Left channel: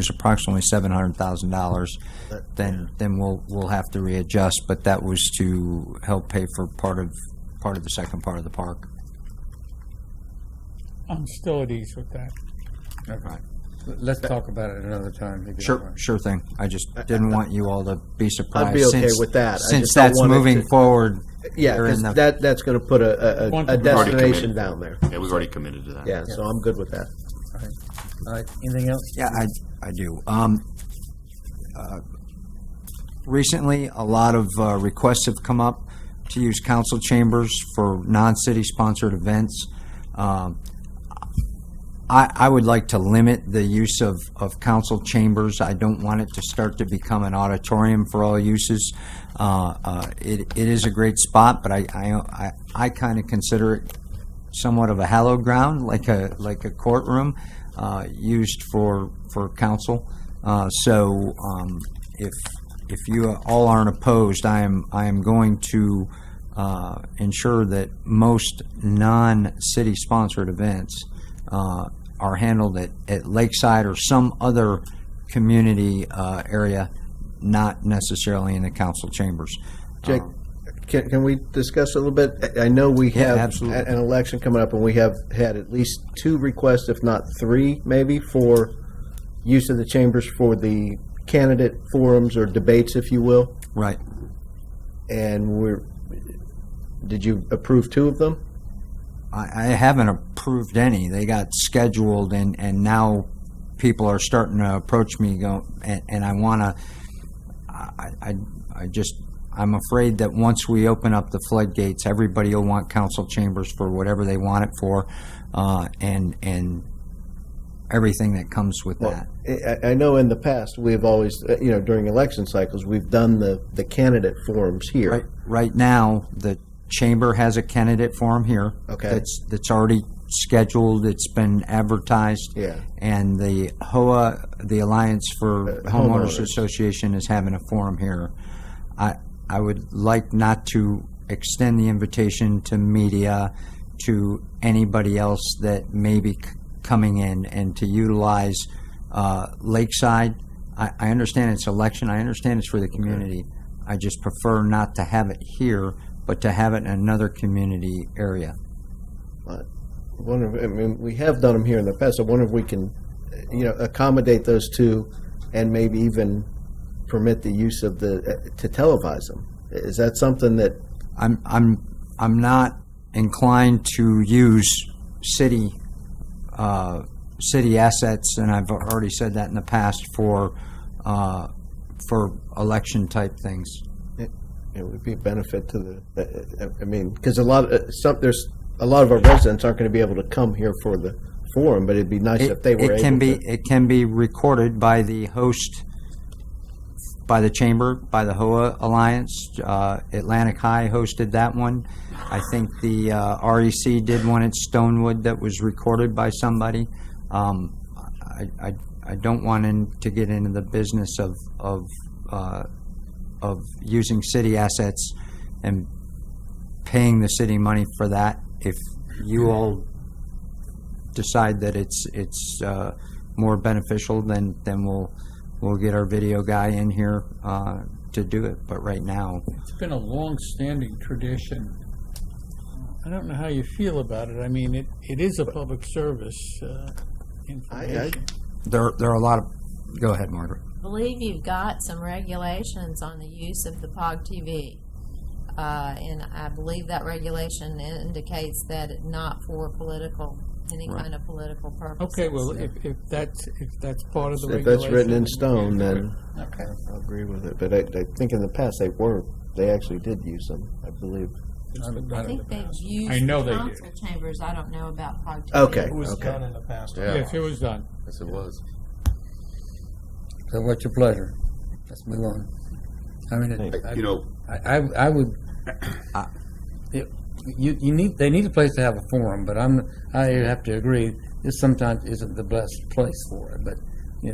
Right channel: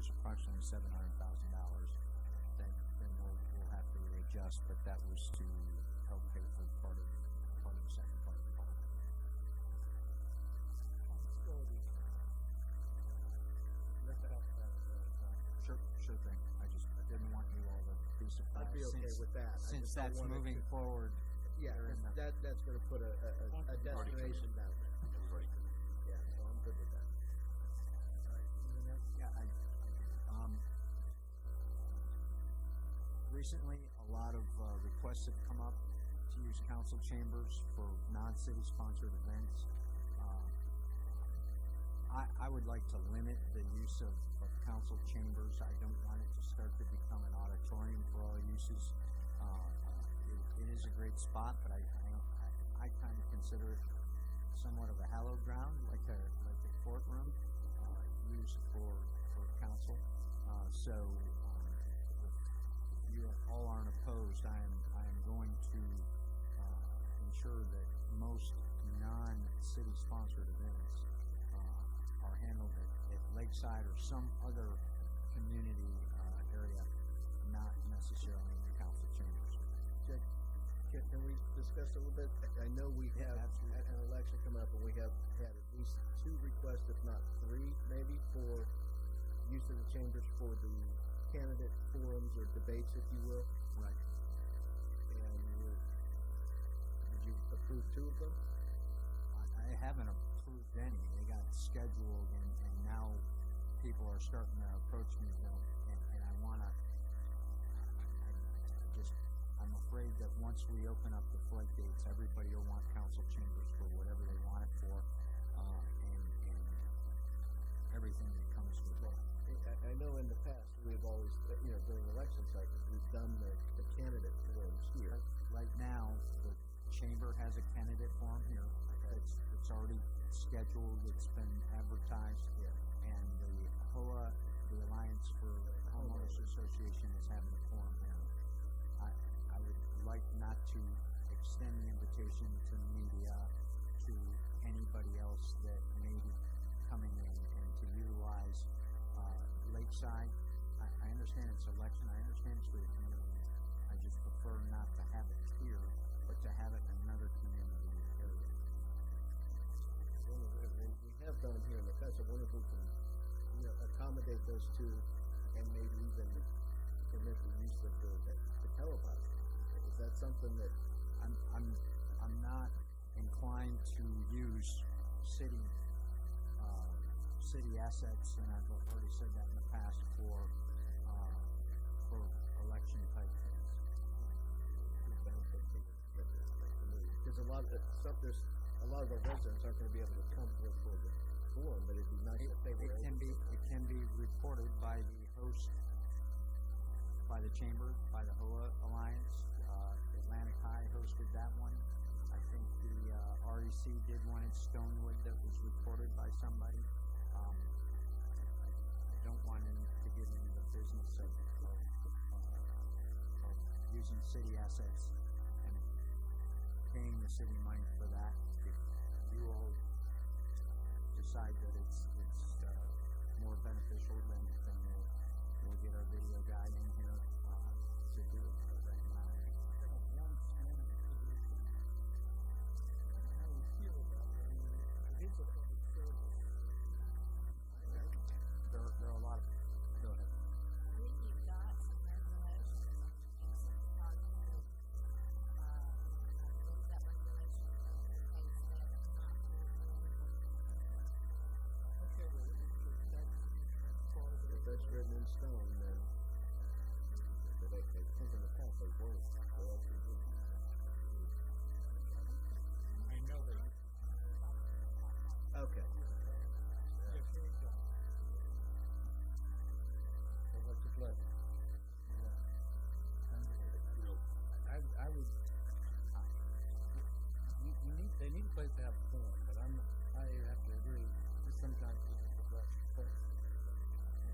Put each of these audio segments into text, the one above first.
is approximately $700,000, then we'll have to readjust. But that was to help pay for part of the second part of the park. I'm still at ease with that. Okay. Let's talk about it another time. if you don't mind. Sure thing. I just didn't want you all to be surprised. I'd be okay since, with that. I Since just don't that's want it moving to- forward. Yeah, They're in because the- that's going to put a We've already destination committed. down there. Yeah, we've already committed to that. Yeah, so I'm good with that. All right. Anything else? Yeah, I do. Recently, a lot of requests have come up to use council chambers for non-city sponsored events. I would like to limit the use of council chambers. I don't want it to start to become an auditorium for all uses. It is a great spot, but I kind of consider it somewhat of a hallowed ground, like a courtroom used for council. So if you all aren't opposed, I am going to ensure that most non-city sponsored events are handled at Lakeside or some other community area, not necessarily in the council chambers. Jake, can we discuss a little bit? I know we Yeah, have absolutely. an election coming up, and we have had at least 2 requests, if not 3, maybe, for use of the chambers for the candidate forums or debates, if you will. Right. And did you approve 2 of them? I haven't approved any. They got scheduled, and now people are starting to approach me, and I want to. I'm afraid that once we open up the floodgates, everybody will want council chambers for whatever they want it for, and everything that comes with that. I know in the past we've always, during election cycles, we've done the candidate forums here. Right now, the chamber has a candidate forum here. Okay. That's already scheduled. It's been advertised. Yeah. And the HOA, the Alliance for Homeowners Homeowners. Association, is having a forum here. I would like not to extend the invitation to media, to anybody else that may be coming in, and to utilize Lakeside. I understand it's election. I understand it's for the community. I just prefer not to have it here, but to have it in another community area. We have done them here in the past. I wonder if we can, accommodate those 2, and maybe even permit the use of to televise them. Is that something that? I'm not inclined to use city assets, and I've already said that in the past for election type things. It would be a benefit to because there's a lot of our residents aren't going to be able to come here for the forum, but it'd be nice if they were able to. It can be recorded by the host, by the chamber, by the HOA Alliance. Atlantic High hosted that one. I think the REC did one at Stonewood that was recorded by somebody. I don't want to get into the business of using city assets and paying the city money for that. If you all decide that it's more beneficial, then we'll get our video guy in here to do it. But right now, It's been a long-standing tradition. I don't know how you feel about it. I mean, it is a public service information. there are a lot of. Go ahead, Margaret. I believe you've got some regulations on the use of the POG TV. And I believe that regulation indicates that it's not for any kind of political purposes. Okay, well, if that's part of the If regulation. that's written in stone, then Okay. I'll agree with it. But I think in the past they actually did use them, I believe. I think they've used I know the they council chambers. I don't know about POG TV. Okay. It was done in the past. Yeah. Yes, it was done. Yes, it was. So what's your pleasure? Let's move on. I mean, I would. They need a place to have a forum, but I have to agree this sometimes isn't the best place for it. But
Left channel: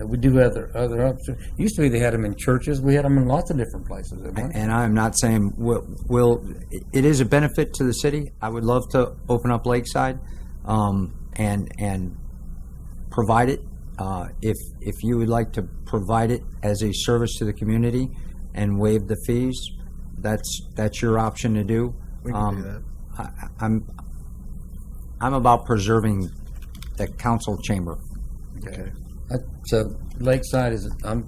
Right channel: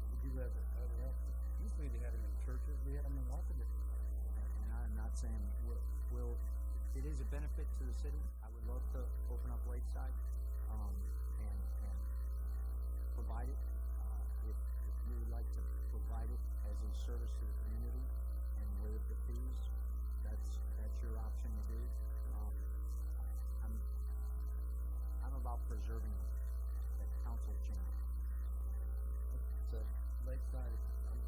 we do have other options. Used to be they had them in churches. We had them in lots of different places at one time. And I'm not saying it is a benefit to the city. I would love to open up Lakeside and provide it If you would like to provide it as a service to the community and waive the fees, that's your option to do. We can do that. I'm about preserving the council chamber. Okay. So Lakeside is, I'm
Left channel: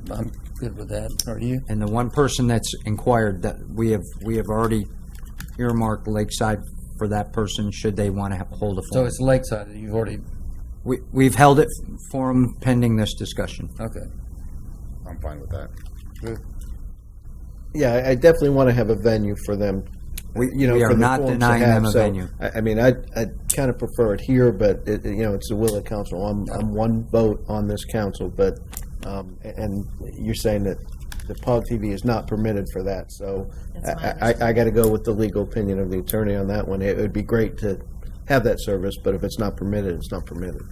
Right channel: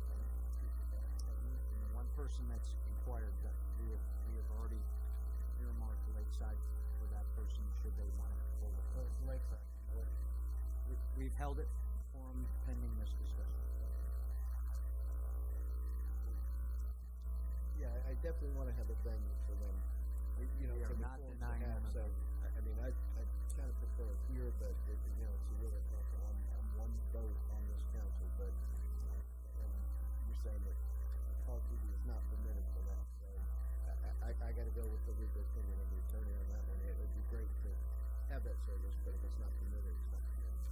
good with that. Are you? And the one person that's inquired, that we have already earmarked Lakeside for that person, should they want to hold a So forum. it's Lakeside that you've already, We've held it for them pending this discussion. okay. I'm fine with that. Good. Yeah, I definitely want to have a venue for them. We for are the not forums to denying have. them a So, venue. I mean, I kind of prefer it here, but it's the will of council. I'm one vote on this council, but and you're saying that the POG TV is not permitted for that. So That's my I got to go with the legal opinion of the attorney on that one. It would be great to have that service, but if it's not permitted, it's not permitted.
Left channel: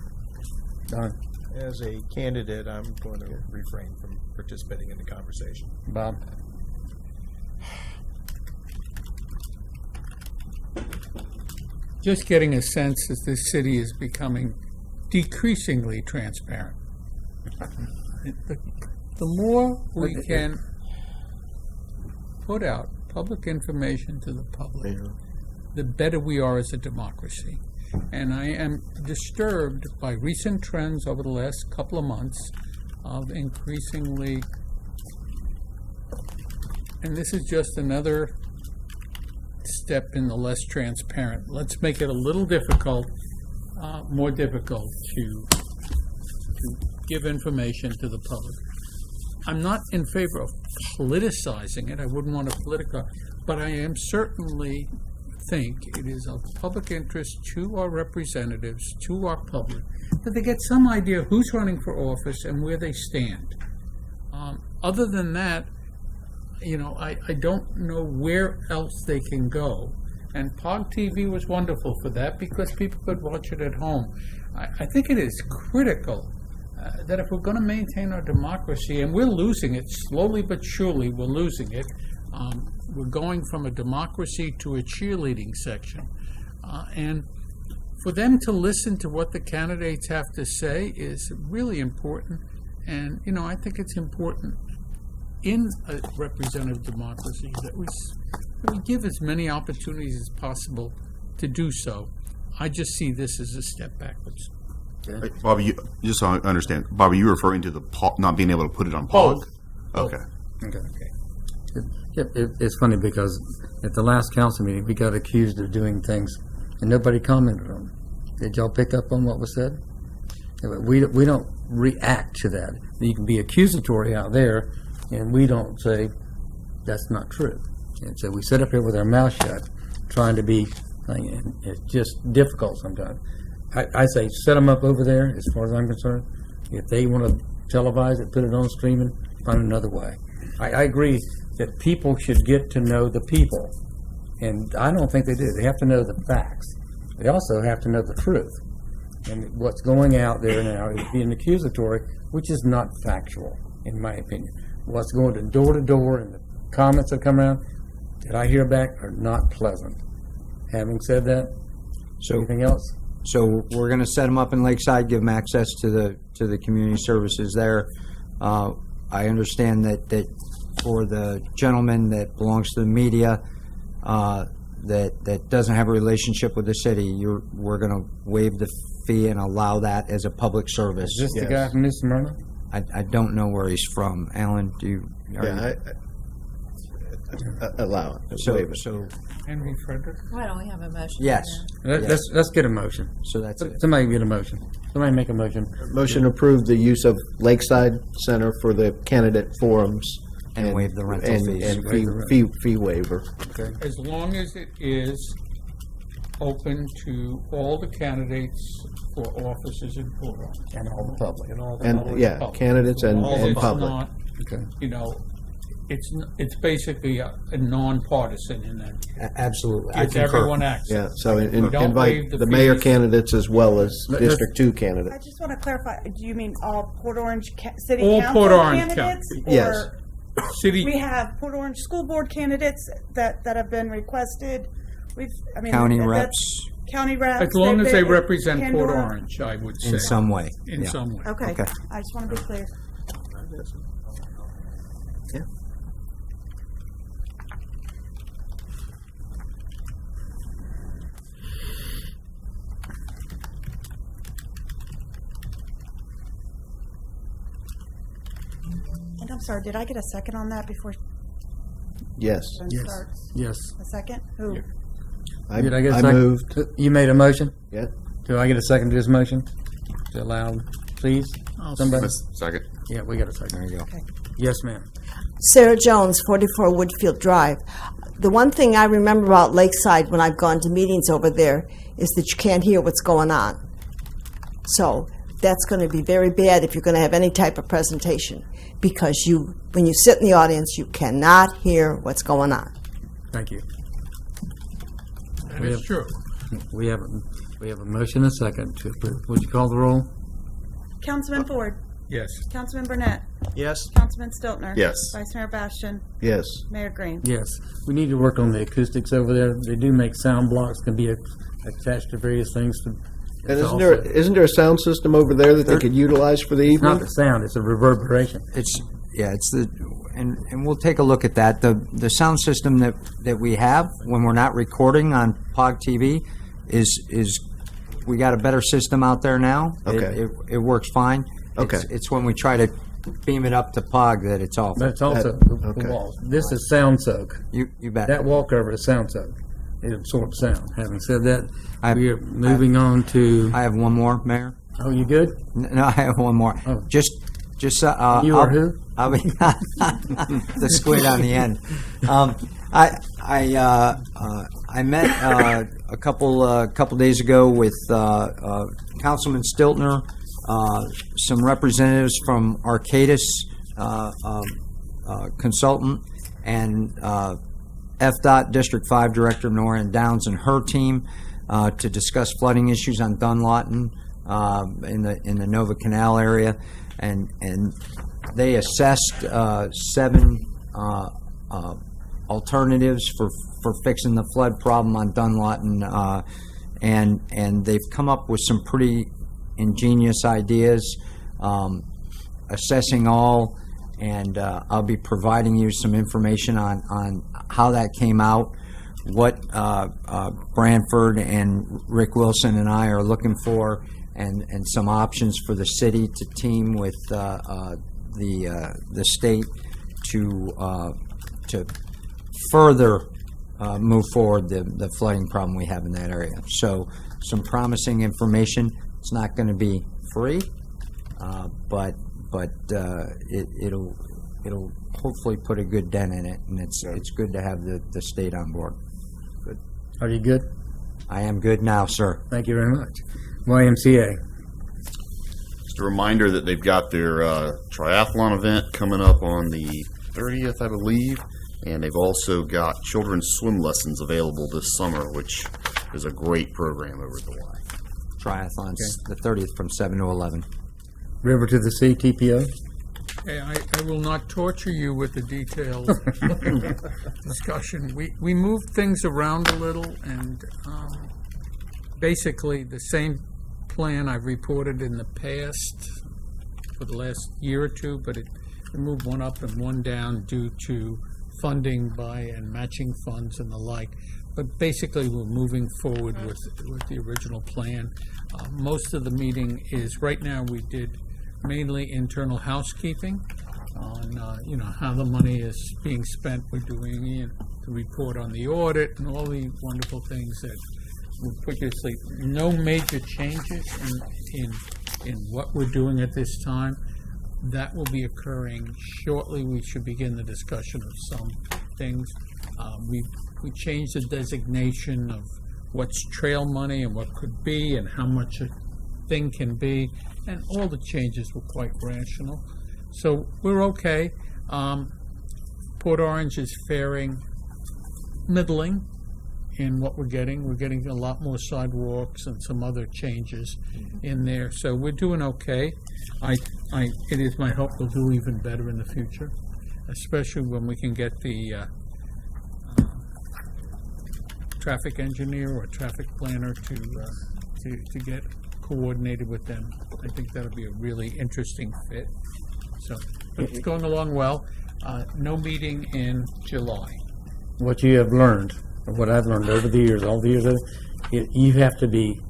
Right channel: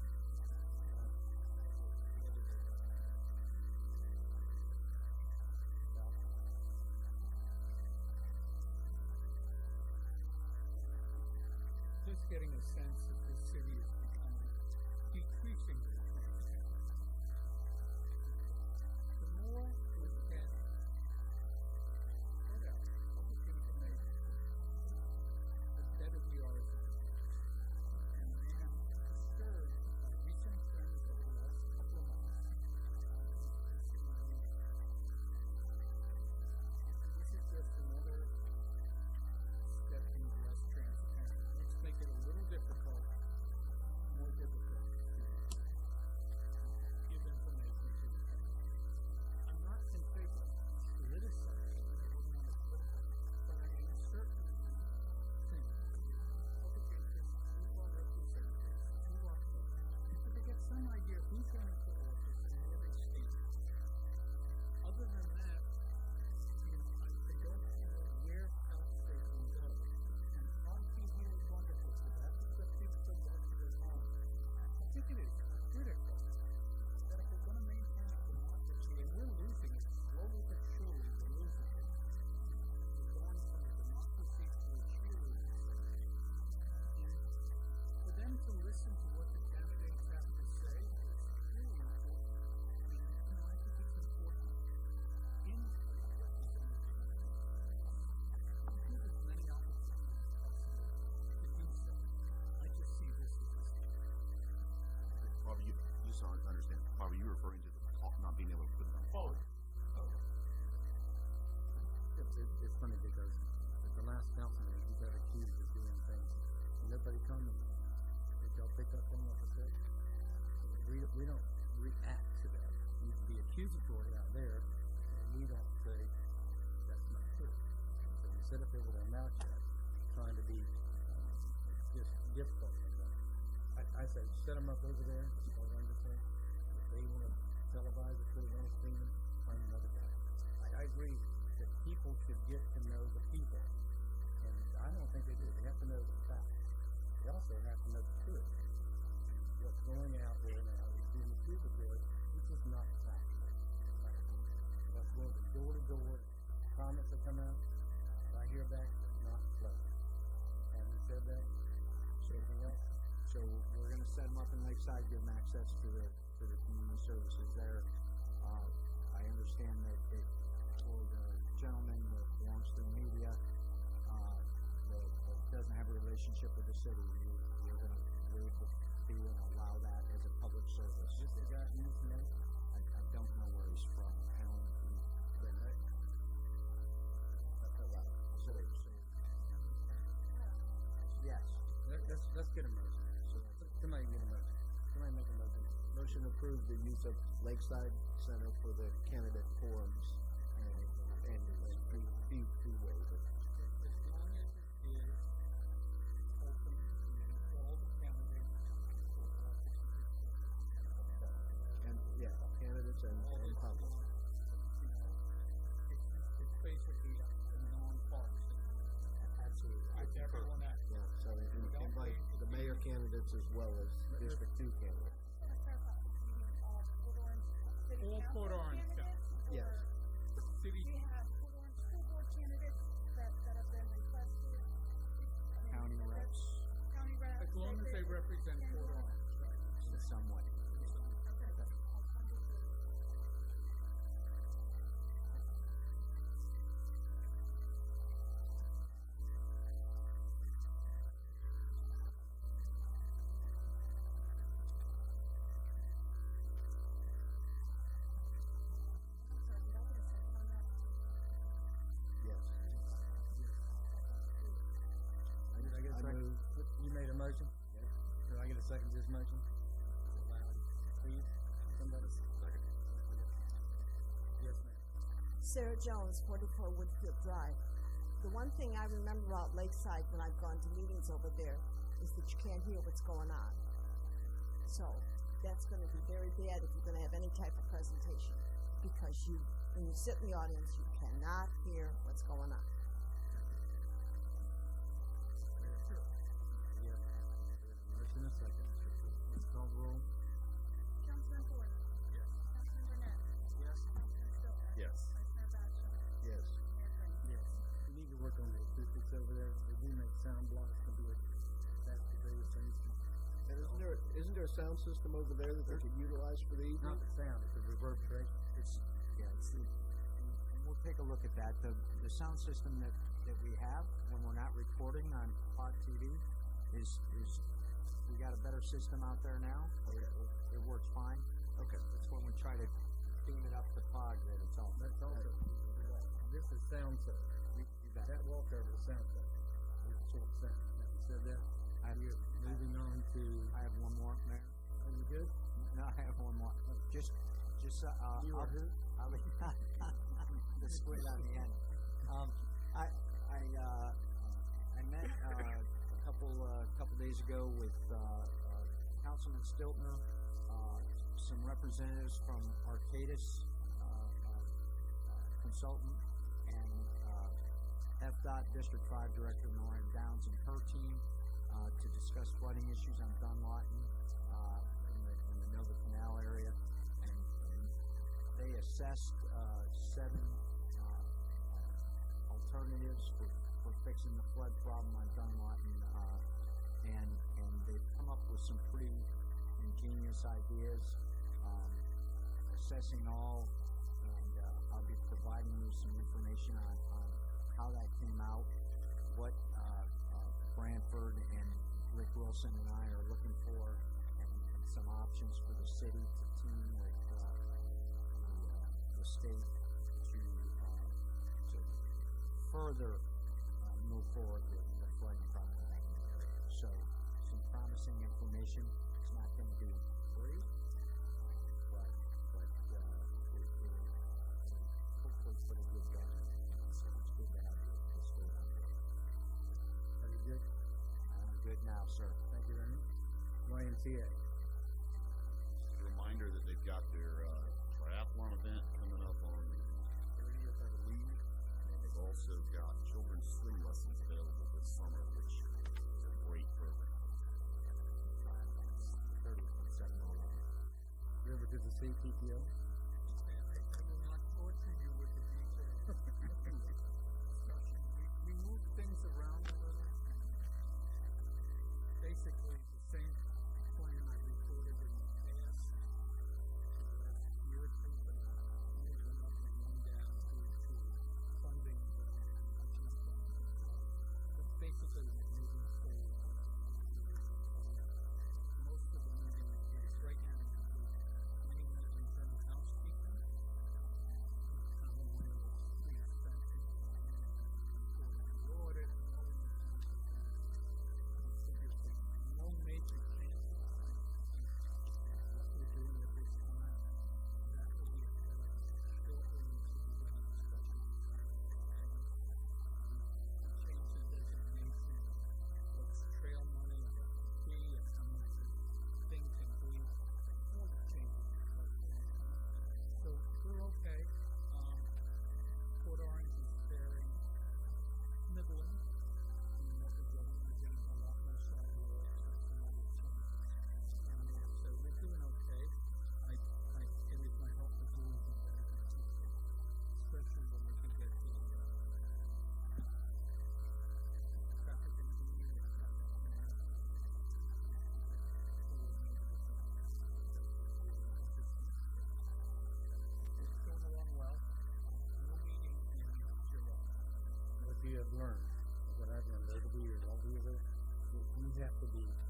Don, As a candidate, I'm going to refrain from participating in the conversation. Bob? Just getting a sense that this city is becoming decreasingly transparent. The more we can put out public information to the public, the better we are as a democracy. And I am disturbed by recent trends over the last couple of months of increasingly, and this is just another step in the less transparent. Let's make it a little difficult, more difficult to give information to the public. I'm not in favor of politicizing it. I wouldn't want to politicize, but I am certainly think it is of public interest to our representatives, to our public, that they get some idea who's running for office and where they stand. Other than that, I don't know where else they can go. And POG TV was wonderful for that because people could watch it at home. I think it is critical that if we're going to maintain our democracy, and we're losing it, slowly but surely we're losing it, we're going from a democracy to a cheerleading section. And for them to listen to what the candidates have to say is really important. And, I think it's important in a representative democracy that we give as many opportunities as possible to do so. I just see this as a step backwards. Bobby, just so I understand, Bobby, you're referring to the not being able to put it on POG? Both. Okay. Okay. It's funny because at the last council meeting, we got accused of doing things and nobody commented on them. Did y'all pick up on what was said? We don't react to that. You can be accusatory out there, and we don't say that's not true. And so we sit up here with our mouth shut, trying to be, and it's just difficult sometimes. I say set them up over there, as far as I'm concerned. If they want to televise it, put it on streaming, find another way. I agree that people should get to know the people, and I don't think they do. They have to know the facts. They also have to know the truth. And what's going out there now is being accusatory, which is not factual, in my opinion. What's going to door, and the comments that come around that I hear back are not pleasant. Having said that, anything else? So we're going to set them up in Lakeside, give them access to the community services there. I understand that for the gentleman that belongs to the media that doesn't have a relationship with the city, we're going to waive the fee and allow that as a public service. Is this the guy from New Smyrna? I don't know where he's from. Alan, Allow it. So Waive it. Henry Frederick? Why don't we have a motion? yes. Let's get a motion. So that's it. Somebody get a motion. Somebody make a motion. Motion to approve the use of Lakeside Center for the candidate forums And waive the rental fees. and fee waiver. Okay. As long as it is open to all the candidates for offices in Portland. And all the public. And all the And, public. candidates and It's public. not, Okay. it's basically a nonpartisan in that. Absolutely. I Gives concur. everyone access. Yeah, so We don't waive invite the the mayor fees. candidates as well as Let's- District 2 I candidates. just want to clarify, do you mean all Port Orange City All Council Port Orange candidates? County. Yes. Or City, we have Port Orange School Board candidates that have been requested? County that's- reps. county reps? As long as they They've- represent Port Pandora? Orange, I would say. In some way. In yeah. some way. Okay, Okay. I just want to be clear. Yeah. And I'm sorry, did I get a second on that before Yes. Jen Yes. starts? Yes. A second? Who? I, Did I get a I second? moved. You made a motion? Yeah. Do I get a second to this motion? To allow, please? I'll Somebody? Second. Yeah, we got a second. There you go. Yes, ma'am. Sarah Jones, 44 Woodfield Drive. The one thing I remember about Lakeside when I've gone to meetings over there is that you can't hear what's going on. So that's going to be very bad if you're going to have any type of presentation, because when you sit in the audience, you cannot hear what's going on. Thank you. That is true. We have a motion and a second to approve. Would you call the roll? Councilman Ford, Yes. Councilman Burnett, Yes. Councilman Stiltner. Yes. Vice Mayor Bastian, Yes. Mayor Green. Yes. We need to work on the acoustics over there. They do make sound blocks, can be attached to various things. And It's isn't there a sound system over there that they could utilize for the It's not evening? the sound, it's a reverberation. It's and we'll take a look at that. The sound system that we have when we're not recording on POG TV is we got a better system out there now. Okay. It works fine. Okay. It's when we try to beam it up to POG that it's off. But it's also the okay. walls. This is sound soak. You bet. That wall cover is sound soak. It absorbs sound. Having said that, I- we are moving on to. I have one more, Mayor. Oh, you good? No, I have one more. Oh. Just You I'll- are who? I'll be the squid on the end. I met a couple days ago with Councilman Stiltner, some representatives from Arcadis Consultant, and FDOT District 5 Director Noreen Downs and her team to discuss flooding issues on Dunlawton in the Nova Canal area, and they assessed 7 alternatives for fixing the flood problem on Dunlawton, and they've come up with some pretty ingenious ideas, assessing all, and I'll be providing you some information on how that came out, what Branford and Rick Wilson and I are looking for, and some options for the city to team with the state to further move forward the flooding problem we have in that area. So some promising information. It's not going to be free, but it'll hopefully put a good dent in it, and it's good to have the state on board. Good. Are you good? I am good now, sir. Thank you very much. YMCA. Just a reminder that they've got their triathlon event coming up on the 30th, I believe, and they've also got children's swim lessons available this summer, which is a great program over at the Y. Triathlons, the 30th from 7 to 11. River to the Sea, TPO. Okay, I will not torture you with the detailed discussion. We moved things around a little, and basically the same plan I've reported in the past for the last year or two, but it moved one up and one down due to funding by and matching funds and the like. But basically, we're moving forward with the original plan. Most of the meeting is, right now, we did mainly internal housekeeping on, how the money is being spent. We're doing the report on the audit and all the wonderful things that will put you to sleep. No major changes in what we're doing at this time. That will be occurring shortly. We should begin the discussion of some things. We changed the designation of what's trail money and what could be and how much a thing can be, and all the changes were quite rational. So we're okay. Port Orange is faring middling in what we're getting. We're getting a lot more sidewalks and some other changes in there. So we're doing okay. It is my hope we'll do even better in the future, especially when we can get the traffic engineer or traffic planner to get coordinated with them. I think that'll be a really interesting fit. So, but it's going along well. No meeting in July. What you have learned, or what I've learned over the years, all the years, you have to be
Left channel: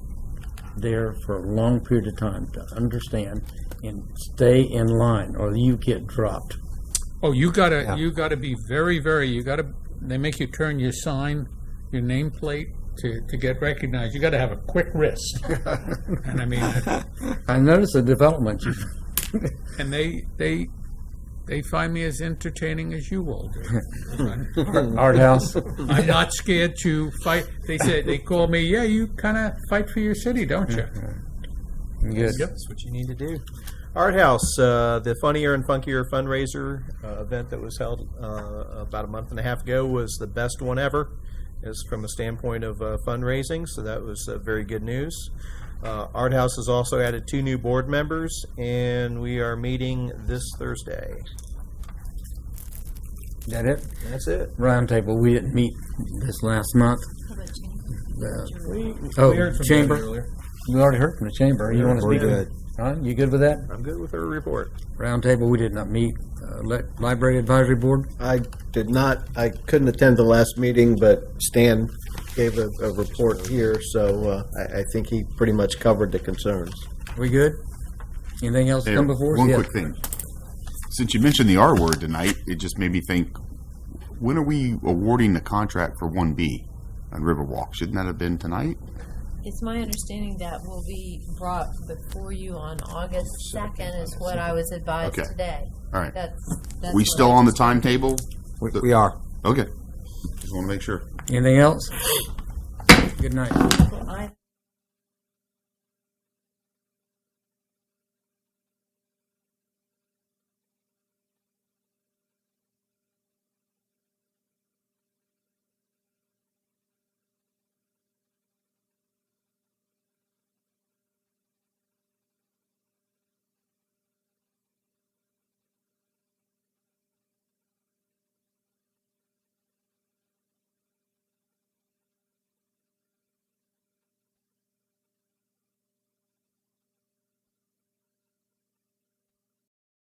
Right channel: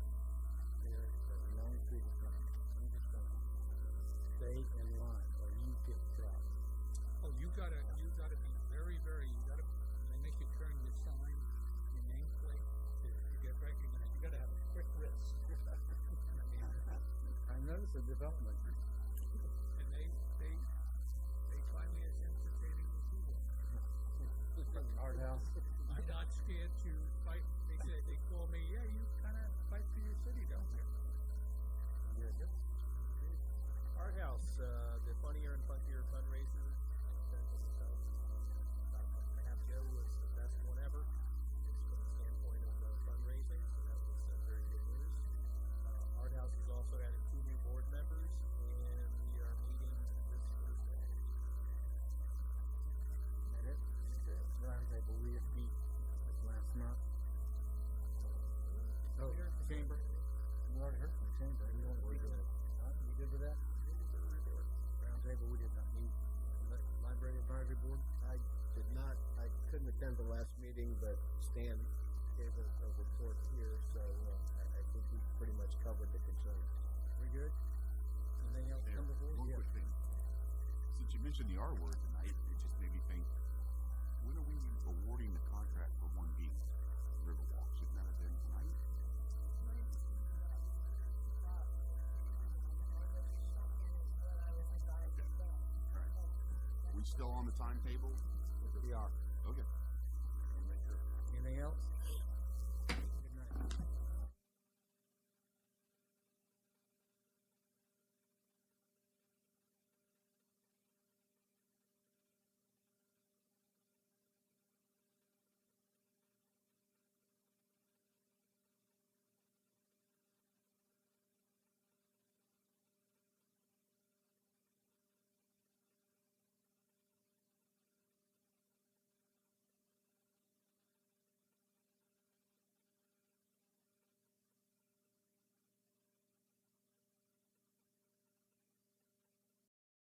there for a long period of time to understand and stay in line, or you get dropped. Oh, you gotta be very, they make you turn your sign, your nameplate to get recognized. You gotta have a quick wrist. And I mean, I noticed the development. and they find me as entertaining as you all do. Art house. I'm not scared to fight. They call me, yeah, you kind of fight for your city, don't you? Good. That's what you need to do. Art House, the Funnier and Funkier fundraiser event that was held about a month and a half ago was the best one ever, is from a standpoint of fundraising, so that was very good news. Art House has also added 2 new board members, and we are meeting this Thursday. That it? That's it. Roundtable. We didn't meet this last month. We Oh, heard from chamber. them earlier. We already heard from the chamber. You want to We're speak? good. Ron, you good with that? I'm good with her report. Roundtable. We did not meet. Library Advisory Board. I did not, I couldn't attend the last meeting, but Stan gave a report here, so I think he pretty much covered the concerns. We good? Anything else Hey, come before us? one Yeah. quick thing. Since you mentioned the R word tonight, it just made me think, when are we awarding the contract for 1B on Riverwalk? Shouldn't that have been tonight? It's my understanding that will be brought before you on August 2nd is what I was advised Okay. today. All right. That's We what still I on the just- timetable? We are. Okay. Just want to make sure. Anything else? Good night. I